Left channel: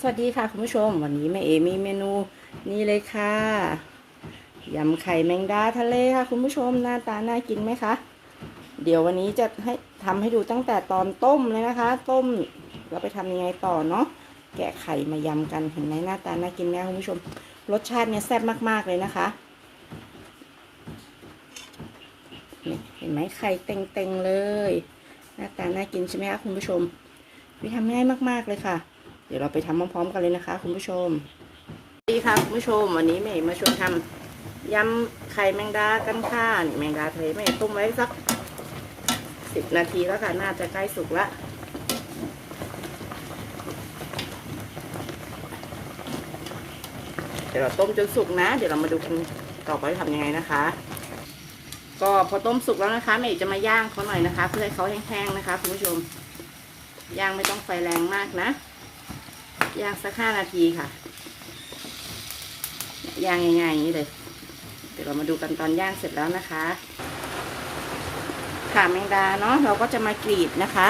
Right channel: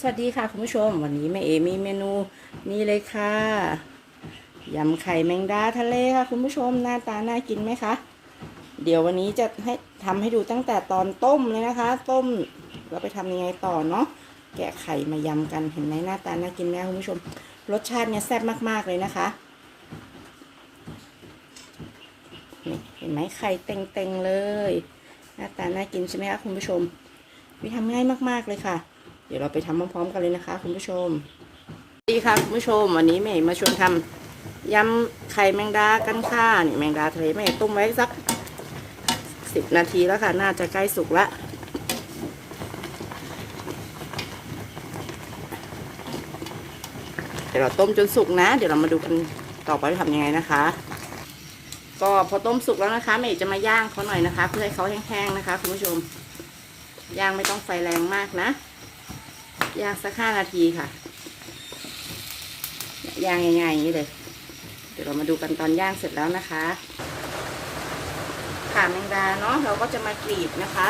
สวัสดีค่ะคุณผู้ชม วันนี้แม่เอมีเมนูนี่เลยค่ะยำไข่แมงดาทะเลค่ะ คุณผู้ชมหน้าตาน่ากินไหมคะเดี๋ยววันนี้จะให้ทำให้ดูตั้งแต่ตอนต้มเลยนะคะ ต้มเราไปทำยังไงต่อเนาะแกะไข่มายำกันเห็นไหมหน้าตาน่ากินไหมคะคุณผู้ชม รสชาติเนี่ยแซ่บมากๆเลยนะคะนี่เห็นไหมไข่เต็งๆเลย หน้าตาน่ากินใช่ไหมคะคุณผู้ชมวิทำง่ายมากๆเลยค่ะ เดี๋ยวเราไปทำพร้อมๆกันเลยนะคะ คุณผู้ชมสวัสดีค่ะคุณผู้ชมวันนี้แม่มาชวนทำยำไข่แมงดากันค่ะนี่แมงดาทะเลแม่ต้มไว้สักสิบนาทีแล้วค่ะ น่าจะใกล้สุกละเดี๋ยวเราต้มจนสุกนะ เดี๋ยวเรามาดูกันต่อไปทำยังไงนะคะ ก็พอต้มสุกแล้วนะคะแม่จะมาย่างเขาหน่อยนะคะ เพื่อให้เขาแห้งๆนะคะ คุณผู้ชมย่างไม่ต้องไฟแรงมากนะ ย่างสักห้านาทีค่ะ ย่างง่ายๆอย่างนี้เลย เดี๋ยวเรามาดูกันตอนย่างเสร็จแล้วนะคะขาแมงดาเนาะเราก็จะมากรีดนะคะ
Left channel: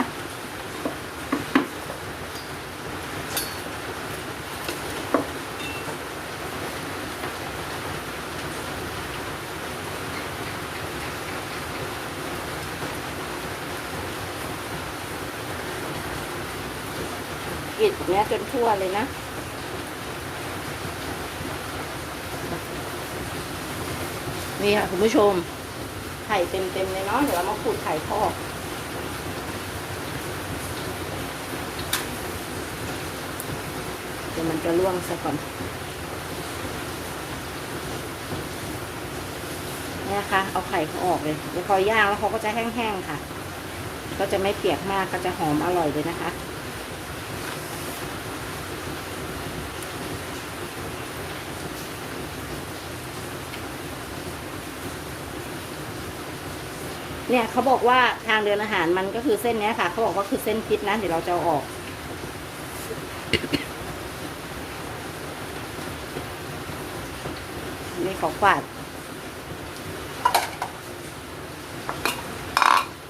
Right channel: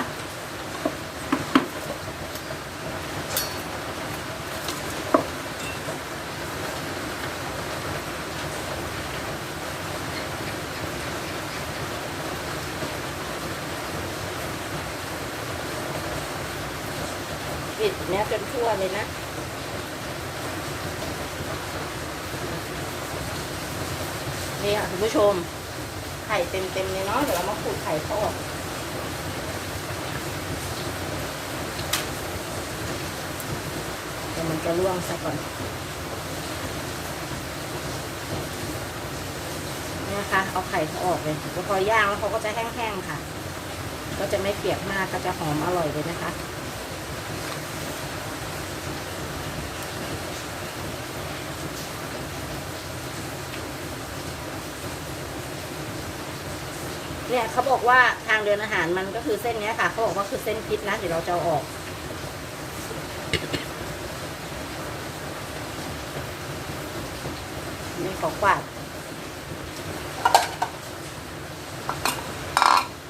ดเนี้ยจนทั่วเลยนะนี่ค่ะคุณผู้ชม ไข่เต็มๆเลยเนาะเดี๋ยวเรามาขูดไข่ทอดเดี๋ยวมันจะล่วงซะก่อนนี่ยค่ะเอาไข่เขาออกเลยแล้วพอย่างแล้วเขาก็จะแห้งๆค่ะ ก็จะไม่เปียกมากก็จะหอมอร่อยเลยนะคะ เนี่ยเขาบอกว่าทางเดินอาหารมันก็คือเส้นเนี้ยค่ะเขาบอกว่าคือเส้นพิษนะเดี๋ยวเราจะอาออก นี่ขอฝาด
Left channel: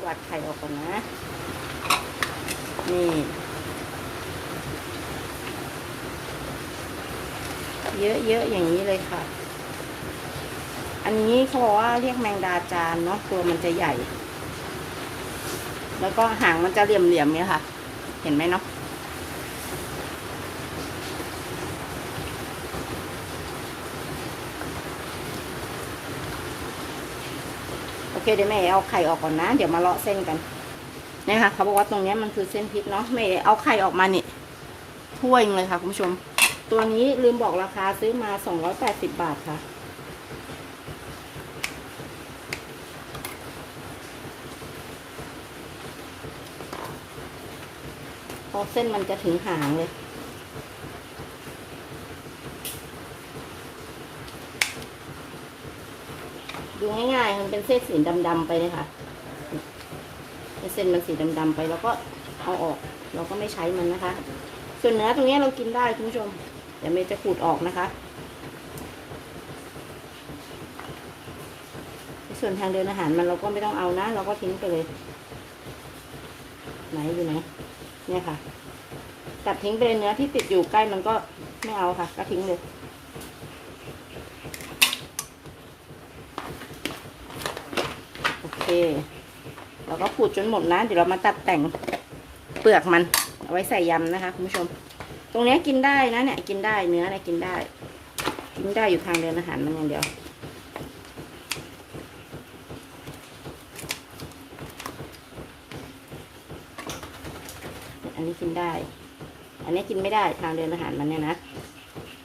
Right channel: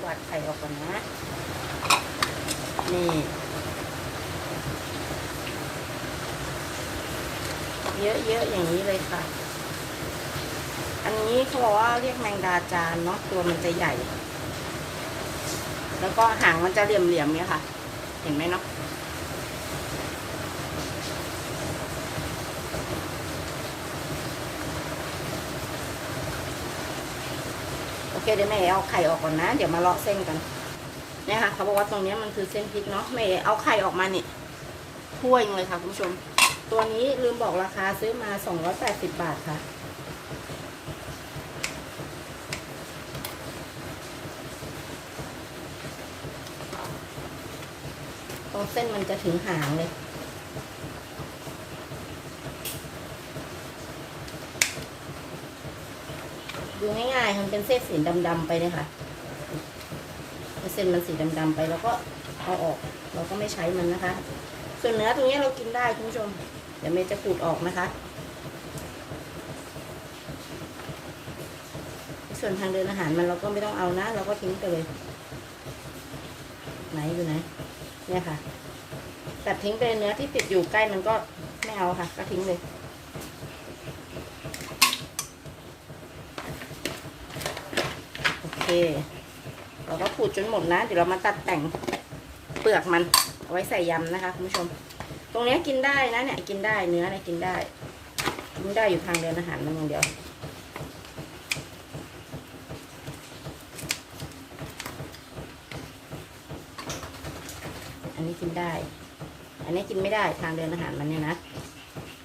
กวาดไข่ออกก่อนนะ นี่เยอะๆอย่างนี้เลยค่ะ อันนี้เขาบอกว่าเรียกแมงดาจานเนาะตัวมันจะใหญ่ แล้วก็หางมันจะเหลี่ยมๆเนี่ยค่ะ เห็นไหมเนาะโอเคเดี๋ยวแม่เอาไข่ออกก่อนนะ เดี๋ยวมาเลาะเส้นกันนี่ยค่ะเขาบอกว่าตรงนี้มันคือเส้นพริกเนาะแม่เอาไข่ออกมานี่ถ้วยหนึ่งเลยค่ะคุณผู้ชม ตัวนี้ลืมบอกราคาซื้อมาสองร้อยแปดสิบบาทค่ะ พอเส้นมันจะถึงหางเลย ดูง่ายๆมันเป็นเส้นสีดำๆไปเลยค่ะเส้นมันสีดำๆไปแล้วก็เอาออก เราก็ไม่ใช้มันนะคะ ส่วนเนื้อตรงนี้เรากินได้คุณผู้ชมเดี๋ยวเมย์จะขูดออกนะคะ ส่วนทางเดินอาหารมันเราก็ไม่ต้องเอานะ เราก็ทิ้งไปเลย ไหนอยู่ไหน เนี่ยค่ะ ตัดทิ้งไปเนื้อที่ติดอยู่ใกล้มันก็ไม่เอาค่ะ ก็ทิ้งเลยโอเคเราก็ขูดจนหมดนะเดี๋ยวเรามาตัดแต่งเปลือกมันเอาไว้ใส่ยำนะคะคุณผู้ชม ตรงนี้กินได้นะเนี่ยกินได้เนื้อเนี่ยกินได้ กินได้อยู่ทางเดินอาหารมันอย่างเดียว อันนี้กินได้ อันนี้กินไม่ได้ทางเดินอาหารมันเนี่ยนะ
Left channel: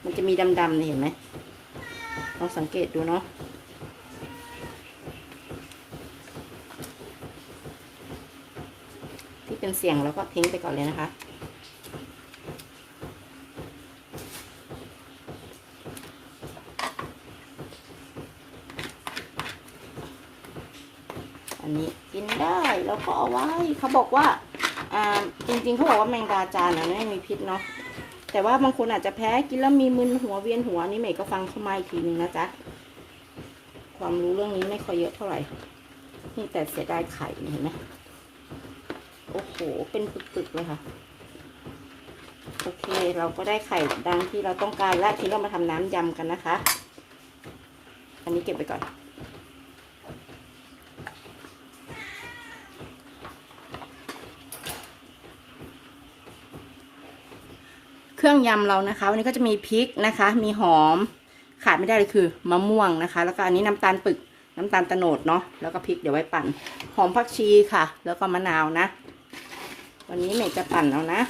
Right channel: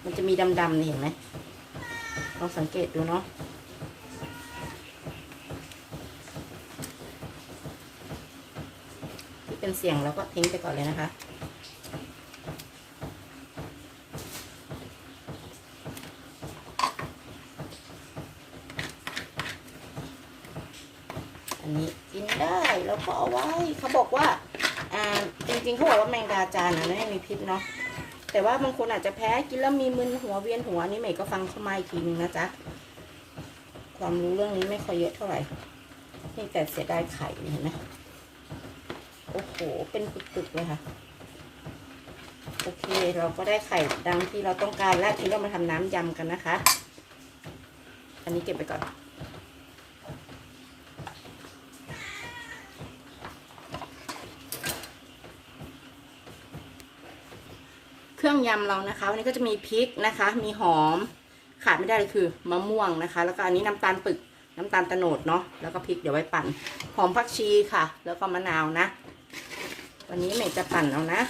มันจะมีดำๆเนี่ยเห็นไหมลองสังเกตดูเนาะที่เป็นเสียงแล้วก็ทิ้งไปก่อนเลยนะคะอันนี้กินได้แล้วก็เอาไว้เขาบอกว่าอ่า จริงๆเขาบอกว่าแมงดาจานนะไม่มีพิษเนาะแต่ว่าบางคนอาจจะแพ้กินแล้วมีมึนหัวเวียนหัวนี่เมย์ก็ฟังเข้ามาอีกทีนึงนะจ๊ะความรู้เรื่องนี้ไม่ค่อยเยอะเท่าไหร่ นี่แต่เสียดายไข่เห็นไหมโอ้โห เป็นปึกๆเลยค่ะ โอเค เราก็ได้ไข่ดังที่เราต้องการแล้วทีนี้เรามาทำน้ำยำกันนะคะ อันนี้เก็บไปก่อน รื่องยำเรานะคะ วันนี้ก็จะมีพริกนะคะ มีหอมขาดไม่ได้เลยคือมะม่วงนะคะ แล้วก็อันนี้น้ำตาลปึกน้ำตาลตะโนดเนาะแล้วก็พริกเดี๋ยวไว้ปั่นหอมผักชีค่ะ แล้วก็มะนาวนะ วันนี้เมย์จะปั่นเอานะ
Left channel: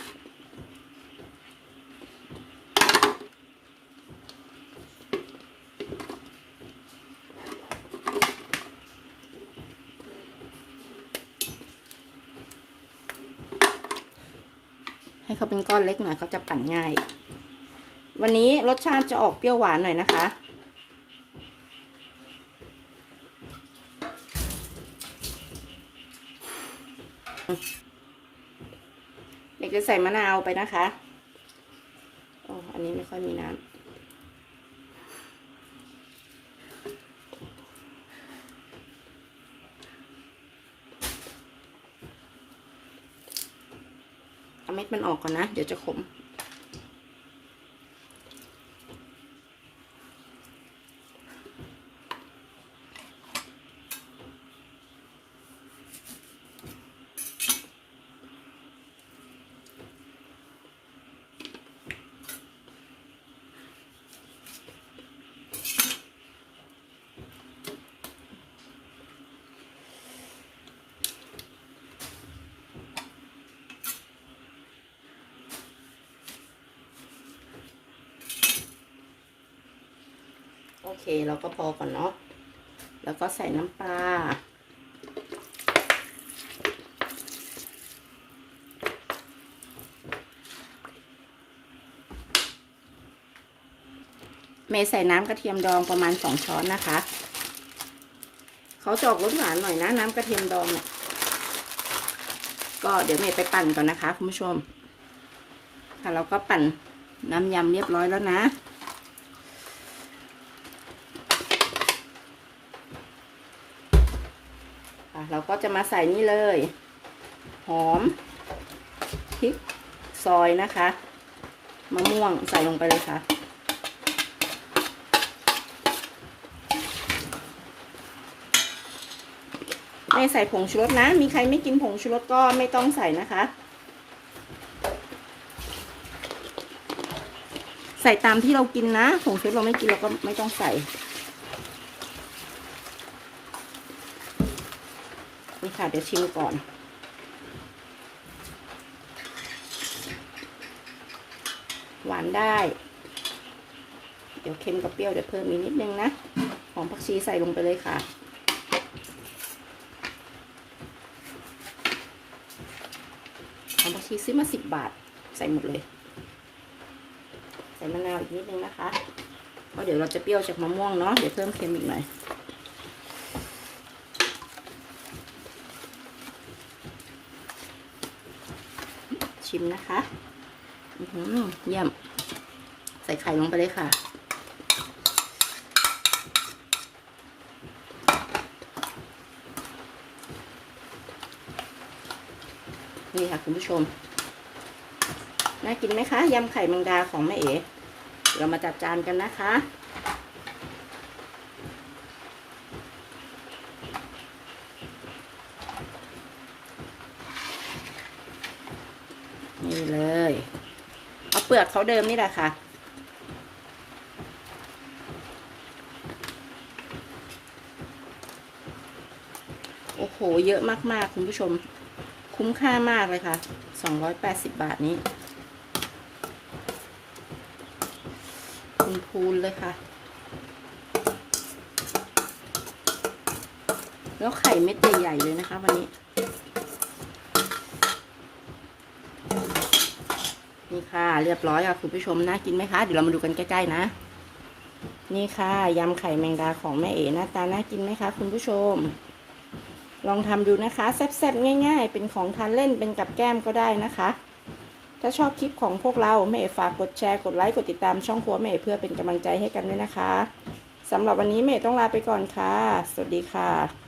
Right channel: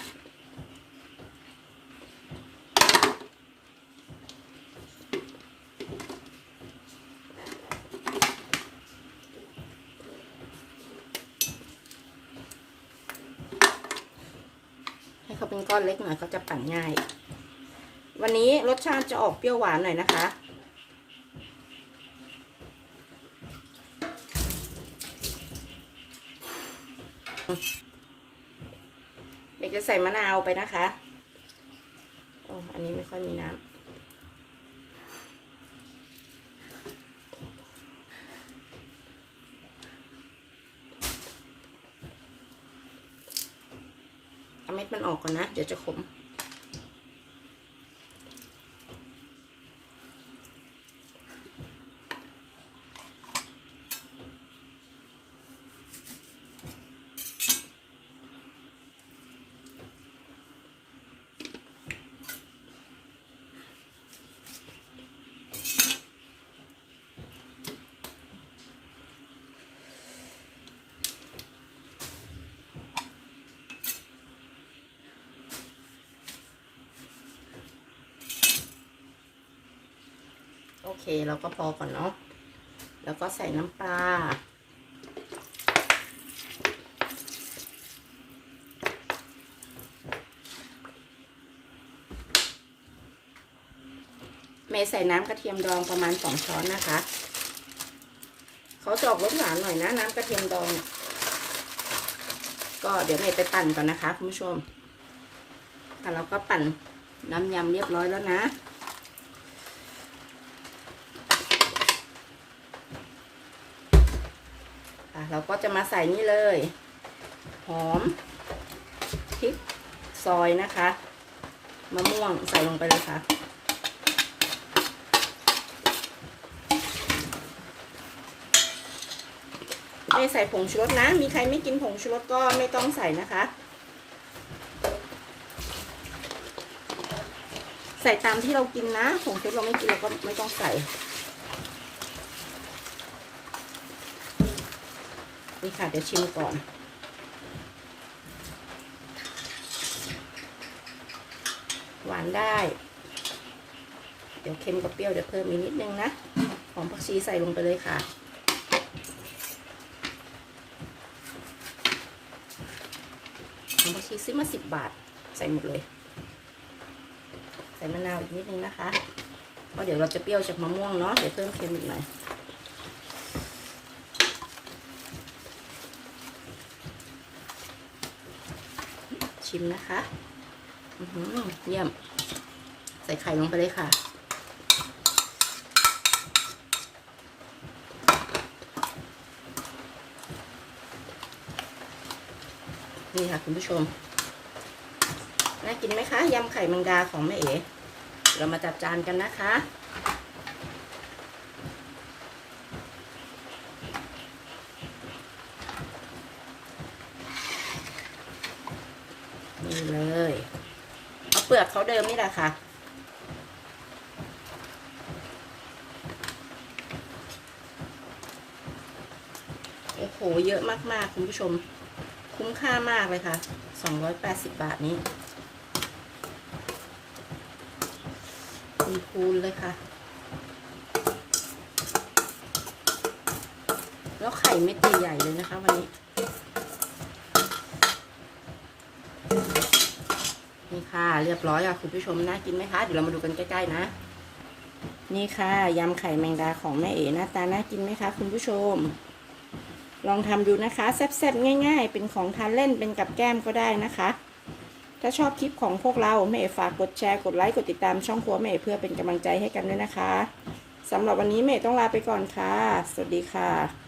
ให้เขาเป็นก้อนเล็กหน่อยเขาจะปั่นง่าย วันนี้รสชาติจะออกเปรี้ยวหวานหน่อยนะคะเด็กจะใส่มะนาวไปนะคะอ๋ออันนี้ไม่ค่อยมีน้ำ เอาเม็ดมันออกก่อนนะ เดี๋ยวจะขม โอเคเราก็พอก่อนเนาะแล้วก็ใส่น้ำปลาเมย์ใส่น้ำกระเทียมดองประมาณสองช้อนนะคะ เขาจะออกรสหวานหน่อยนะน้ำกระเทียมดองเนี่ยก็เดี๋ยวเมย์ไปปั่นก่อนนะคะคุณผู้ชมค่ะเราก็ปั่นน้ำยำเรียบร้อยแล้วนะ อะ เราก็จะมาใส่นี่เลย หอมพริกซอยนะคะมะม่วงใส่ลงไปเลยค่ะ ไม่ใส่ผงชูรสนะ มีใครไม่กินผงชูรสก็ไม่ต้องใส่นะคะ ใส่ตามที่เรากินนะ ผงชูรสเราไม่กินเราก็ไม่ต้องใส่ นี่ค่ะ เดี๋ยวชิมก่อน หวานได้ เดี๋ยวเค็มกับเปรี้ยวเดี๋ยวเพิ่มอีกนิดนึงนะ หอมผักชีใส่ลงไปเลยค่ะหอมผักชีซื้อมาสิบบาท ใส่หมดเลย ใส่มะนาวอีกนิดนึงนะคะเพราะเดี๋ยวเราจะเปรี้ยวจากมะม่วงเนาะ เดี๋ยวเพิ่มเค็มอีกหน่อย ชิมนะคะอือหือเยี่ยม ใส่ไข่ลงไปเลยค่ะ นี่ค่ะคุณผู้ชม น่ากินไหมคะ ยำไข่แมงดาของแม่เอ๋เดี๋ยวมาจัดจานกันนะคะ นี่เลย เอาเป ลือกเขาเดิมนี่แหละค่ะ โอ้โห เยอะมากๆ คุณผู้ชม คุ้มค่ามากเลยค่ะ 280 บาทนี้คุณคูณเลยค่ะ แล้วไข่เม็ดใหญ่ๆเลยนะคะวันนี้ นี่ค่ะ เรียบร้อยอะคุณผู้ชมน่ากินไหมคะ เดี๋ยวเรามาดูกันใกล้ๆนะ นี่ค่ะยำไข่แมงดาของแม่เอ๋หน้าตาน่ากินไหมคะ คุณผู้ชม ลองทำดูนะคะแซ่บๆง่าย ๆ เป็นของทานเล่นเป็นกับแก้มก็ได้นะคะ ถ้าชอบคลิปของพวกเราแม่เอ๋ฝากกดแชร์กดไลค์กดติดตามช่องครัวแม่เอ๋เพื่อเป็นกำลังใจให้กันด้วยนะคะสำหรับวันนี้แม่ต้องลาไปก่อนค่ะ สวัสดีค่ะ